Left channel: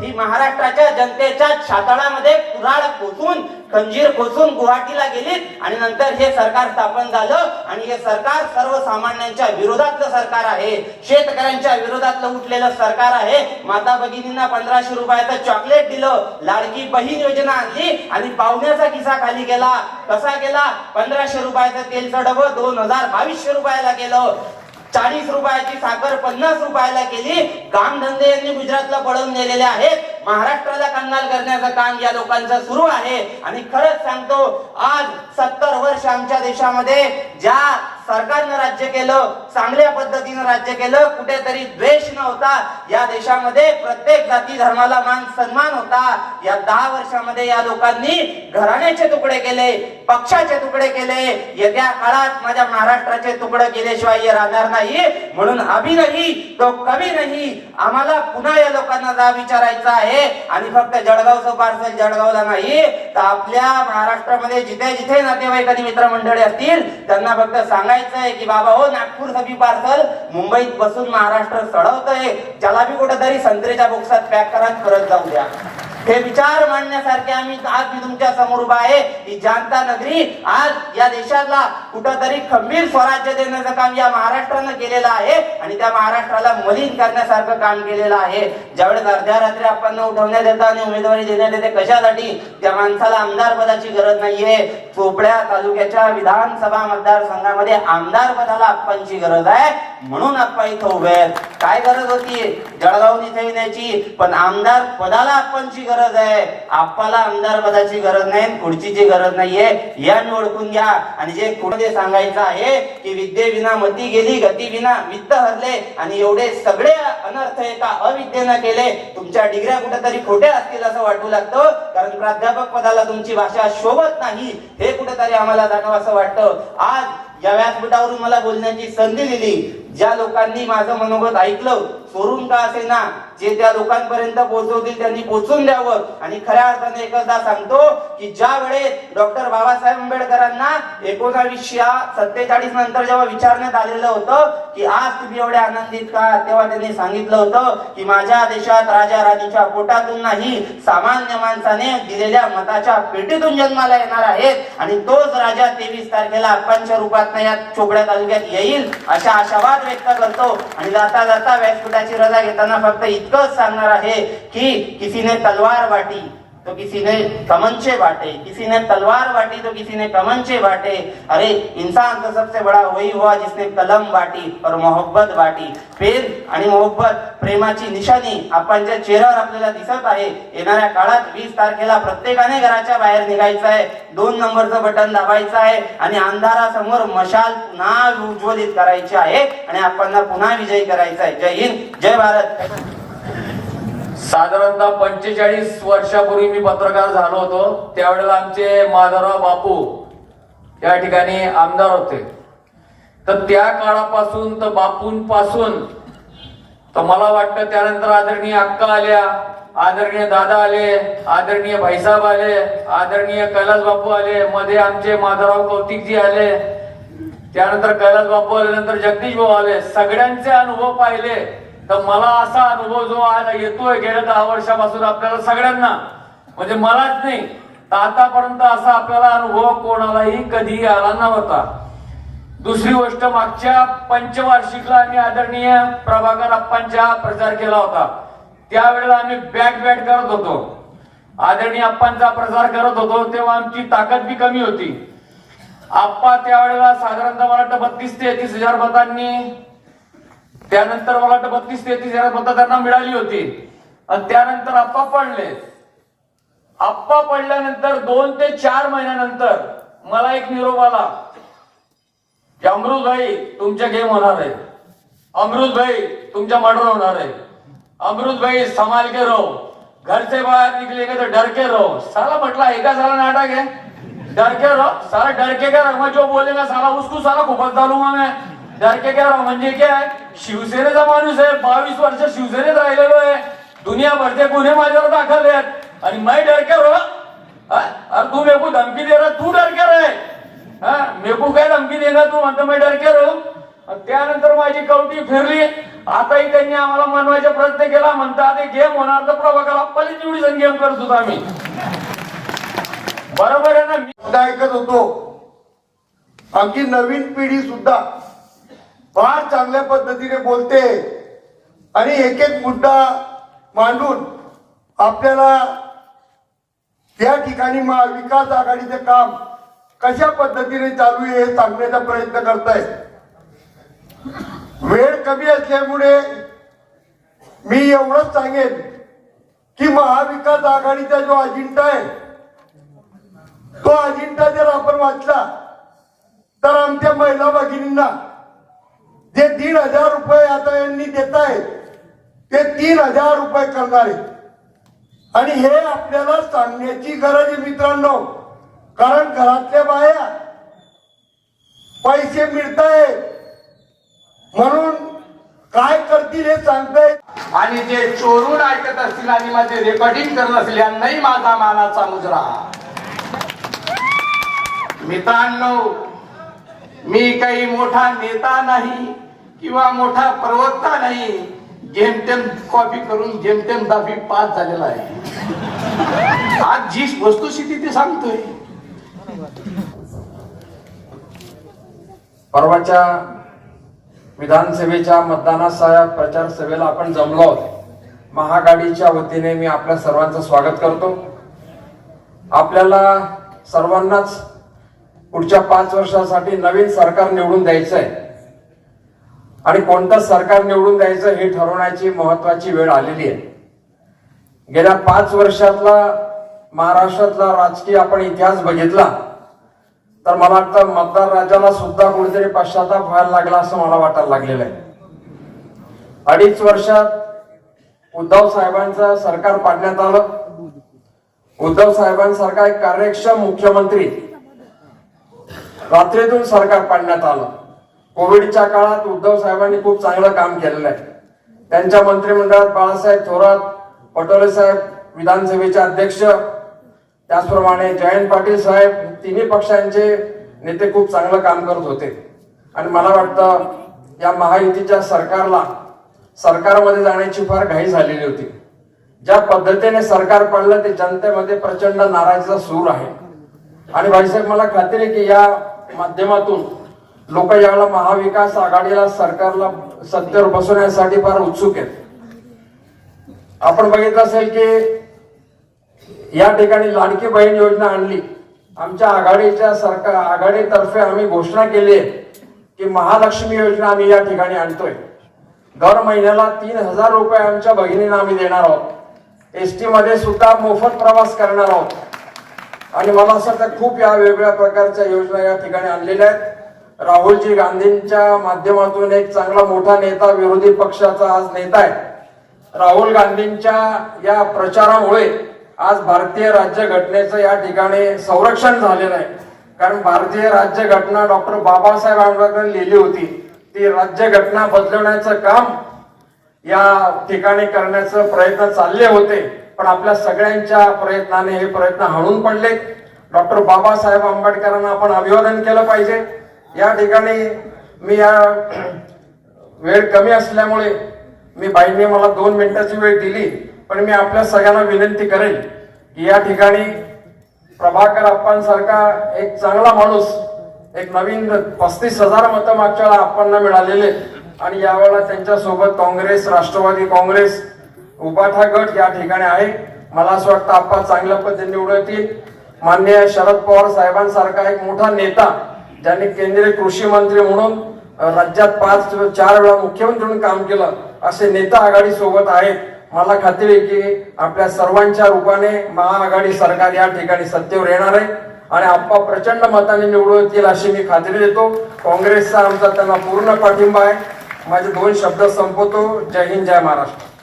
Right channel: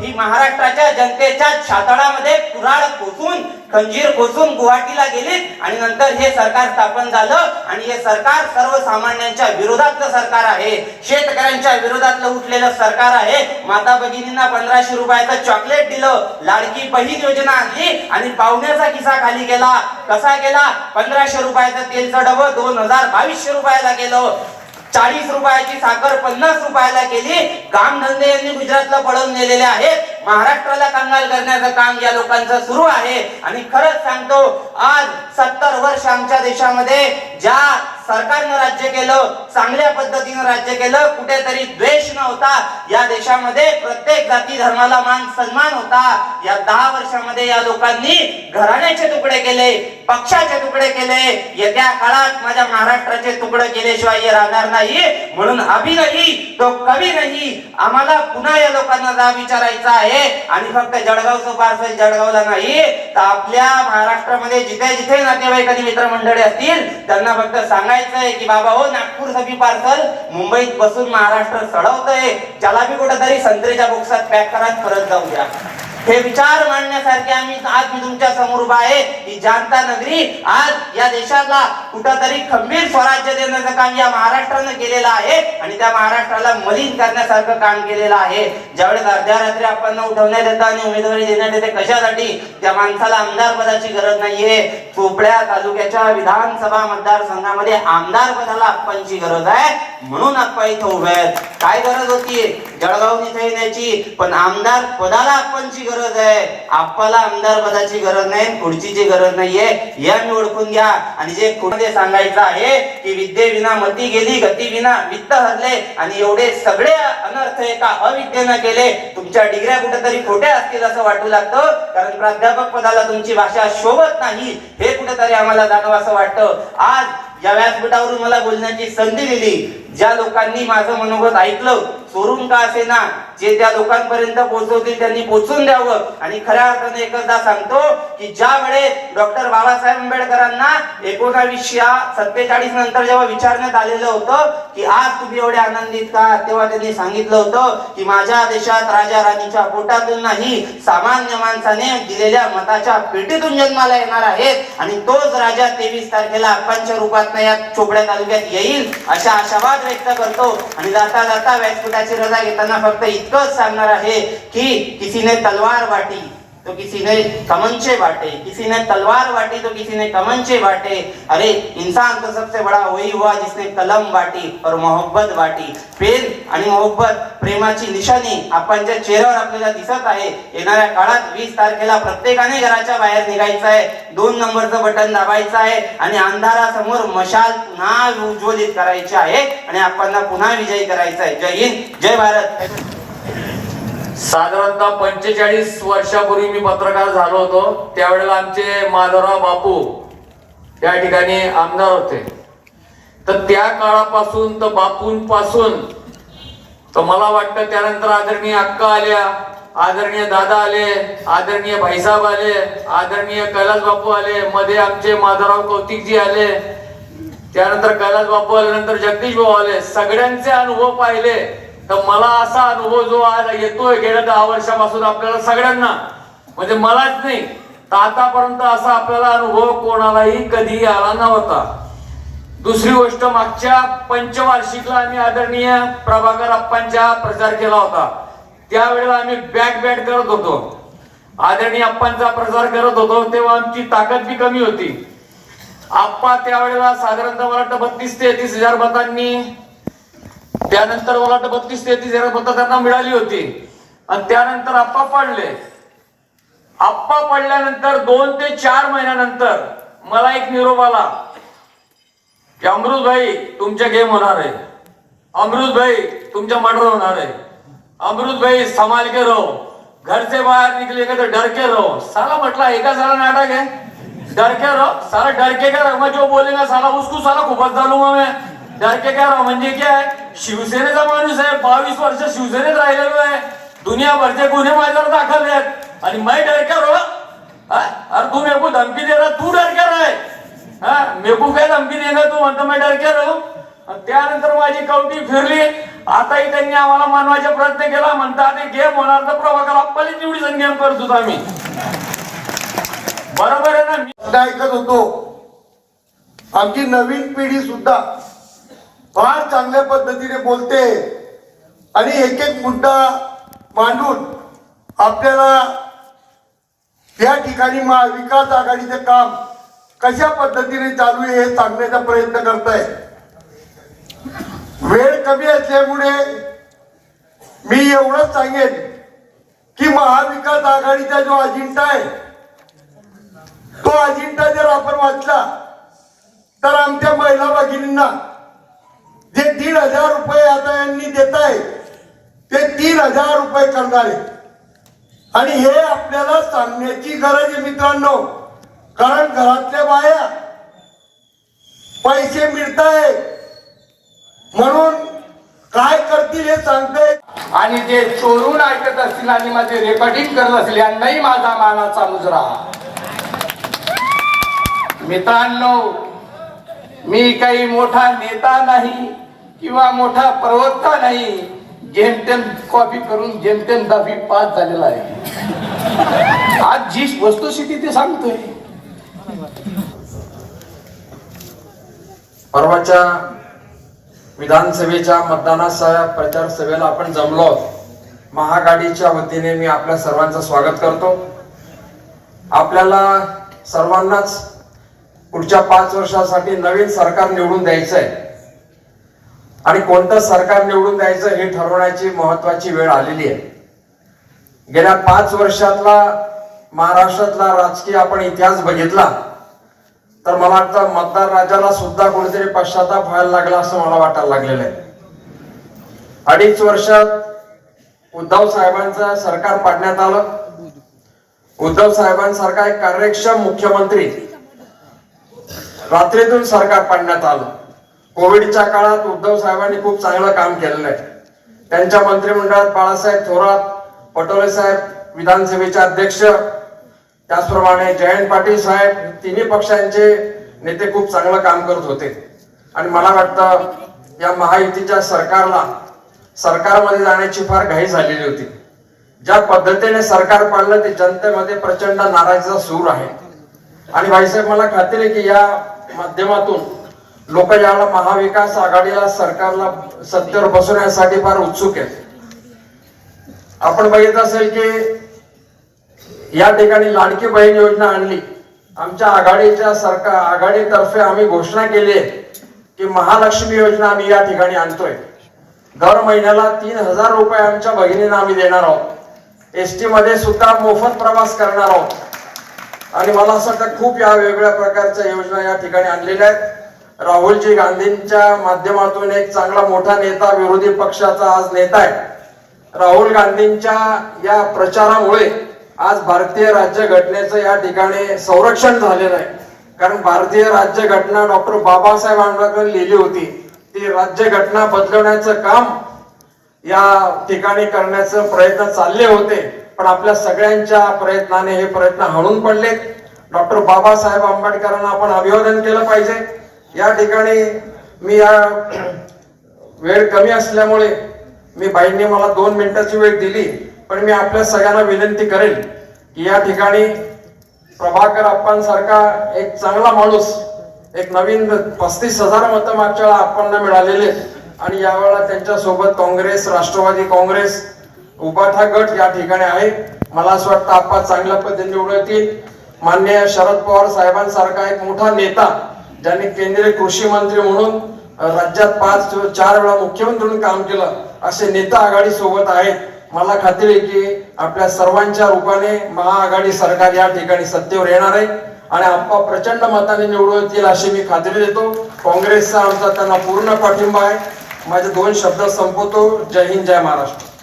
ही महाराष्ट्राच्या जनतेच्या छातळामध्ये कुऱ्हाड कोसून खंजीर कोसून गुवाहाटीला गेली आणि नंतर हे सरकार स्थापन झालं आणि हे सरकार सर्वसामान्यांच्या विरोधातलं सरकार आहे. शेतकऱ्यांच्या विरोधातलं उठलेलं सरकार आहे. माता भगिनींना पंधराशे रुपयाचं चॉकलेट दिलं. लाडकी बहीण योजना आणली आणि पाहुण्याचा किसा खाली गेला. कसा गेला? पंधराशे रुपयाचं तेलचं डबं दोन हजार बावीसशे रुपयाला गेलं. चाळीस रुपयाची साखर पन्नास रुपयाला केली. कामधंदे यांनी गुजरातला पळवून नेलेले आहेत. महाराष्ट्राला कंगाल करण्याचं काम या लोकांचं सुरू आहे. आणि खरंच सांगतो आज सत्तर वर्ष आमच्या देशामध्ये ज्या सरकारनं राज्य केलं चांगल्या पद्धतीनं राज्य केलं कुठेतरी द्वेष नव्हता या देशामध्ये प्रत्येक जाती धर्माला मान सन्मान होता. या दहा वर्षामध्ये या लोकांनी घराण्याचे तुकडे केले पक्षाचे तुकडे केले. येत्या काळात माझ्या महाराष्ट्राचे तुकडे केल्याशिवाय हे राहणार नाही. म्हणून अभि नाही तो कवी नाही. आम्हाला पुन्हा या लोकांना जा विचारायचा आहे. आणि फक्त जळगावचं पार्सल जळगावला नाही. आपल्या महाराष्ट्रामध्ये जिथे जिथे नातेवाईक आणि मित्रमंडळी असतील त्यांना फक्त सांगायचंय की बाबा हो नागपूर सभी पार्सल मुंबईत बसून महाराष्ट्र सडवतंय ज्याला बी कुठेतरी संत्रेच्या बोक्सात पॅक करा परत जाऊ द्या. हे विचार मांडण्यासारखे आम्ही आज मी तुमच्यासमोर उभा आहे? ही जानता नगरी आज या देशाला कुठंतरी खंबीर स्वराज्य देण्याचं काम या महाराष्ट्रानं केलेलं आहे आणि त्या महाराष्ट्राला मलिन करण्यासारखं काम केलेलं आहे. ज्यावेळेस अर्ध्या रात्री आपण उठवण्यात येतं आणि उमेदवारी देण्यात येते कशासाठी? त्या माणसाला आमदार पदाची गरज नाहीये. चोपड्या तालुक्याच्या विधानसभा मतदारसंघामध्ये आमदार पदाला आप्पांची गरज आहे. म्हणून आप्पा इथं उभे आहेत. काय गरज होती? जळगाव इथे येण्याची. पण आमदार पदाला आप्पांची गरज आहे. आपल्याला आमदार पदाची गरज नाही खुर्चीची गरज नाहीये. या मी ओळखून घ्या. आणि जे कुठे सांगायचं आहे की विद्येविना मती गेली गतीविना वित्त हरले आणि एवढे सगळे अनर्थ एका अविद्येनं केले तुमच्या डिग्र्या कुठेतरी खोट्या असतील असं वाटू लागतं. कारण प्राध्यापक पदाला तुमची भाषा शोभत नाही. हे कुठेतरी आम्हाला जाणवं असं वाटतं. आज या व्यासपीठावरून मला बोलण्याची संधी दिली. ज्या लोकांनी माझं मनोगत ऐकलं चोरून का असेना? जे त्या लोकांपर्यंत पोहोचवतील त्यांनी पोहोचून द्यावं. आणि खऱ्या अर्थाने एकदा सांगतो की ज्या वेळेस डॉक्टर बाबासाहेब आंबेडकरांना एकोणावीसशे सत्तेचाळीस नंतर जेव्हा विचारण्यात आलेलं होतं की आज तुम्ही एवढे आनंदित का? तेव्हा त्यांनी सांगितलं होतं की माझ्या देशात राजा राणीच्या पोटातून नाही सामान्य माणसाने दिलेल्या मताच्या पेटीतून जन्माला येणार आहेत. आणि तोच राजा तेवीस तारखेला अप्पांच्या रूपात या चोपड्या तालुक्यात येईल अशा आशावाद व्यक्त करतो. आणि जाता जाता रजा घेताना फक्त इतकंच सांगणार आहे की किसीने तलवार वाटी. तो किसी ने कमंचे बांटे किसी ने तलवार बांटी तो किसी ने कमंचे बांटे। अरे इंसान तो सबसे बड़ा वही हुआ जिसने कलम बांटी और मोहब्बत बांटी। प्रेम आणि मोहब्बत प्रेमाची निशाणी आपण ज्या चेहऱ्यावर आपल्याला दिसत आहे येणाऱ्या काळात वीस तारखेला प्रत्येकाने घराच्या बाहेर निघायचं आहे दोन नंबरचं बटन दाबायचं आहे आणि अंधारासमोर मशाल पुन्हा उज्ज्वलित करायची आहे आणि आपण पुन्हा विजयी करायचा आहे. जय हिंद जय भारत. साधारणतः पंचेचाळीस वर्षापूर्वी मी पत्रकार झालो होतो. त्यावेळेला आमचे माधवराव बापू या ठिकाणी आमदार होते. तर त्या काळापासून तर बापूंपासून तर मला वाटतं त्यानंतर आदरणीय अक्का आल्या आदरणीय दादा आले आदरणीय भाईसाहेब आले आदरणीय कैलास बापू आले मध्ये आमचे माधवराव कौतिकजी आले त्यानंतर कैलास बापू आले नंतर जगदीश भाऊ आले सगळ्यांचे अनुभव पाहिले. तर मला असा अनुभव जो आज येतोय गेल्या दहा वर्षापासून आपल्याला सगळ्यांना म्हणजे मलाच नाही तर आतापर्यंत असा आपल्याला अनुभव कोणालाही कधी आला नव्हता. दुसरी गोष्ट मागच्या पंचवार्षिकला आम्ही आदरणीय प्रभाकर अप्पांचा प्रचार केला होता. त्यावेळेला आम्ही बॅक बॅट करत होतो. आदरणीय अप्पांचा प्रचार करत होतो तेव्हा आमची ताकद बी कमी होती. आप्पा त्यावेळेला साधारणतः मला वाटतं बत्तीस तेहतीस हजार मतांनी त्यानंतर मला वाटतं बत्तीस तेहतीस हजार मतं त्यांना मिळाली होती. आणि त्यानंतर आप्पा पडले. आप्पा पडल्यानंतर दोन ते चार महिन्यानंतर मला एक निरोप आला. की अमृतभाई तुमच्या गेम होणार आहे. अमृतभाई तुमच्या मर्डर होणार आहे. अमृतभाई संभाल के रहो. घर से बाहर का तो डर के रहो. साला म्हटला एका साला नाटक आहे. डर के रहो. साला डर के क्या रहो मैं जो बोलेगा साला उसको साला खूपच झालो मैं. डर म्हणजे काय आहे शिवसेनेचा माणूस आहे. बावीस वर्ष शिवसेनेत राहिलेलो आहे. दुनियाभरचे गुन्हे माझ्यावर दाखल आहेत. आणि मैं डर हो? अरे तू मेकू धमकी दे तू डरकेर आहे हा. मेरे काय धमकी दे तू म्हणतो मी डर हो त्यानंतर माझी कवटी फिरली. आताही त्यांनी आम्हाला मानवाचा प्रयत्न केला. म्हणतात ते गेम होणार तर प्रभाकर आपली निवडी जण गेम करत होतो आम्ही. बरोबर आहे ना? मी ऐकत होतो. आमची नवीन पिढी सुद्धा फार चांगल्या पद्धतीने बोलते. आणि एक एक मुद्दा मांडून आपल्याला त्या ठिकाणी महाविकास आघाडीचं काम कशा पद्धतीने चालू आहे हे सांगण्याचा प्रयत्न करताय. वेळ कमी असल्यामुळे मी एवढंच सांगेन की महाविकास आघाडीचा जो अजिंठा आहे तो अजिंठा जर आपण वाचला तर आमच्या महिला भगिनींना जे दीड हजार रुपये आता यांनी देत आहे ते तीन हजार रुपये करणार आहे आणि हे आपल्याला सांगण्याची गरज आहे मित्रांनो. कारण घरातल्या बाया पैसे मिळताय म्हणून काय करतील हे सांगताय. आणि जे चोरून ऐकत असतील आणि माझे रेकॉर्डिंग करत असतील यांनाही माझा मानाचा मुजरा. मित्रांनो मी काही मोठा नेता नाही. किंवा मोठा प्रवक्ता नाही. जेमतेम कॉपी करून जेमतेम दहावी पास झालेला आहे. आज जी वस्तुस्थिती ते सांगतोय. परवाच्या विधानसभेच्या मतदानाचा प्रचार सभेला आपण जमलो आहोत. महागाडीच्या वतीने मी आपल्या सर्वांचं स्वागत करतो. आपल्याला सर्वांनाच पुढच्या पाच वर्षासाठी नवीन सरकार निवडून द्यायचं आहे आणि कोणतं सरकार निवडून द्यायचं हे ठरवण्याची महत्वाची वेळ आलेली आहे. गेल्या पाच वर्षातला महाराष्ट्रातला राजकीय आपण इतिहास बघितला तर मला वाटतं मतदार राजाला सुद्धा कोणीतरी पश्चाताप व्हायला लागला असं मला वाटायला लागलेलं आहे. अडीच वर्षात उद्धव साहेबांचं सरकार पाडण्यात आलं. उद्धव साहेबांसारखा एक कार्यक्षम मुख्यमंत्री रात्रीतून सरकार पाडण्यात आलं. कोविडच्या काळात उद्धव साहेबांनी खूप चांगलं काम केलेलं आहे. त्यांच्या मंत्रिमंडळात बाळासाहेब थोरात पटोले साहेब विधानसभेचे अध्यक्ष त्याचप्रमाणे जयंत पाटील साहेब तिन्ही पक्षांचे नेते खूप चांगलं काम करत होते. आणि मला वाटतं या महायुतीच्या सरकारला सरकारमध्ये जाण्याची फार घाई झालेली होती. ज्या पद्धतीने सरकार पाडलं ते जनतेमध्ये प्रचंड नाराजीचा सूर आहे. आणि भाईसाहेब मला खात्री आहे की या माध्यमातून लोक याला महाविकास आघाडीला सरकारला सत्तेवर बसवण्यासाठी फार उत्सुक आहेत. आपण बघितलं असेल की या ठिकाणी लाडकी बहीण योजना आणली. आमच्या आघाडीच्या सरकार आघाडीतर्फे आम्ही घोषणा केली आहे की महालक्ष्मी योजना आम्ही या ठिकाणी आणतोय. दर महिन्याला तीन हजार रुपये आमच्या बहिणींना आम्ही देणार आहोत. एस टी मध्ये सुद्धा मोफत प्रवास करणार आहोत. आणि मला असं वाटतं खूप या वेगवेगळ्या प्रकारच्या योजना या ठिकाणी आणलेल्या आहेत. राहुलजी गांधींच्या माध्यमातून एक चांगला मोठा नेता विरोधी पक्षाचा आज नेता आहे. राहुल गांधींच्या या प्रचारामुळे आज भारतीय राज्य घटनेचं या ठिकाणी संरक्षण झालेलं आहे. कारण भारतीय राज्य घटना डॉक्टर बाबासाहेब आंबेडकर लिहिली होती ती राज्य घटना बदलवण्याचं काम या ठिकाणी करण्याचं प्रयत्न चालले होते. पण आपल्या सगळ्यांच्या प्रयत्नाने हे प्रयत्न हणून पडले डॉक्टर बाबासाहेब आंबेडकरांना आपण अभिवादन केलं पाहिजे. या ठिकाणी मी या वेळ कमी असल्यामुळे मी बाईंनी मला दोन मिनिटाची वेळ दिली पण मी आपल्या सगळ्यांना विनंती करेन की या ठिकाणी प्रभाकर अप्पांसारखा एक चांगला माणूस एक नवीन पस्तीस हजार मतं मागच्या वेळा अप्पांना मिळालेले आणि यावेळेला त्यांच्यासोबत काँग्रेस राष्ट्रवादी काँग्रेस उबाठा गट या ठिकाणी आहे. मला असं वाटतं आप्पा चांगल्या पद्धतीने निवडतील. माननीय मान्य शरद पवार साहेबांसारखा एक मोठा नेता ज्यांनी केंद्रीय कृषी मंत्री म्हणून राज्यात पाच चार वेळा मुख्यमंत्री म्हणून काम केलं असे नेता आघाडी सोबत आहेत. मला खात्री आहे की आपल्या सर्वांच्या रूपाने महाआघाडी सरकार या ठिकाणी सत्तेवर येणार आहे आणि आप्पा प्रचंड मताने निवडून येतील अशी मी खात्री देतो. काँग्रेसचा आमचा त्यांना पूर्ण पाठिंबा आहे. माझे दोन शब्द संपवतो. जय हिंद जय महाराष्ट्र.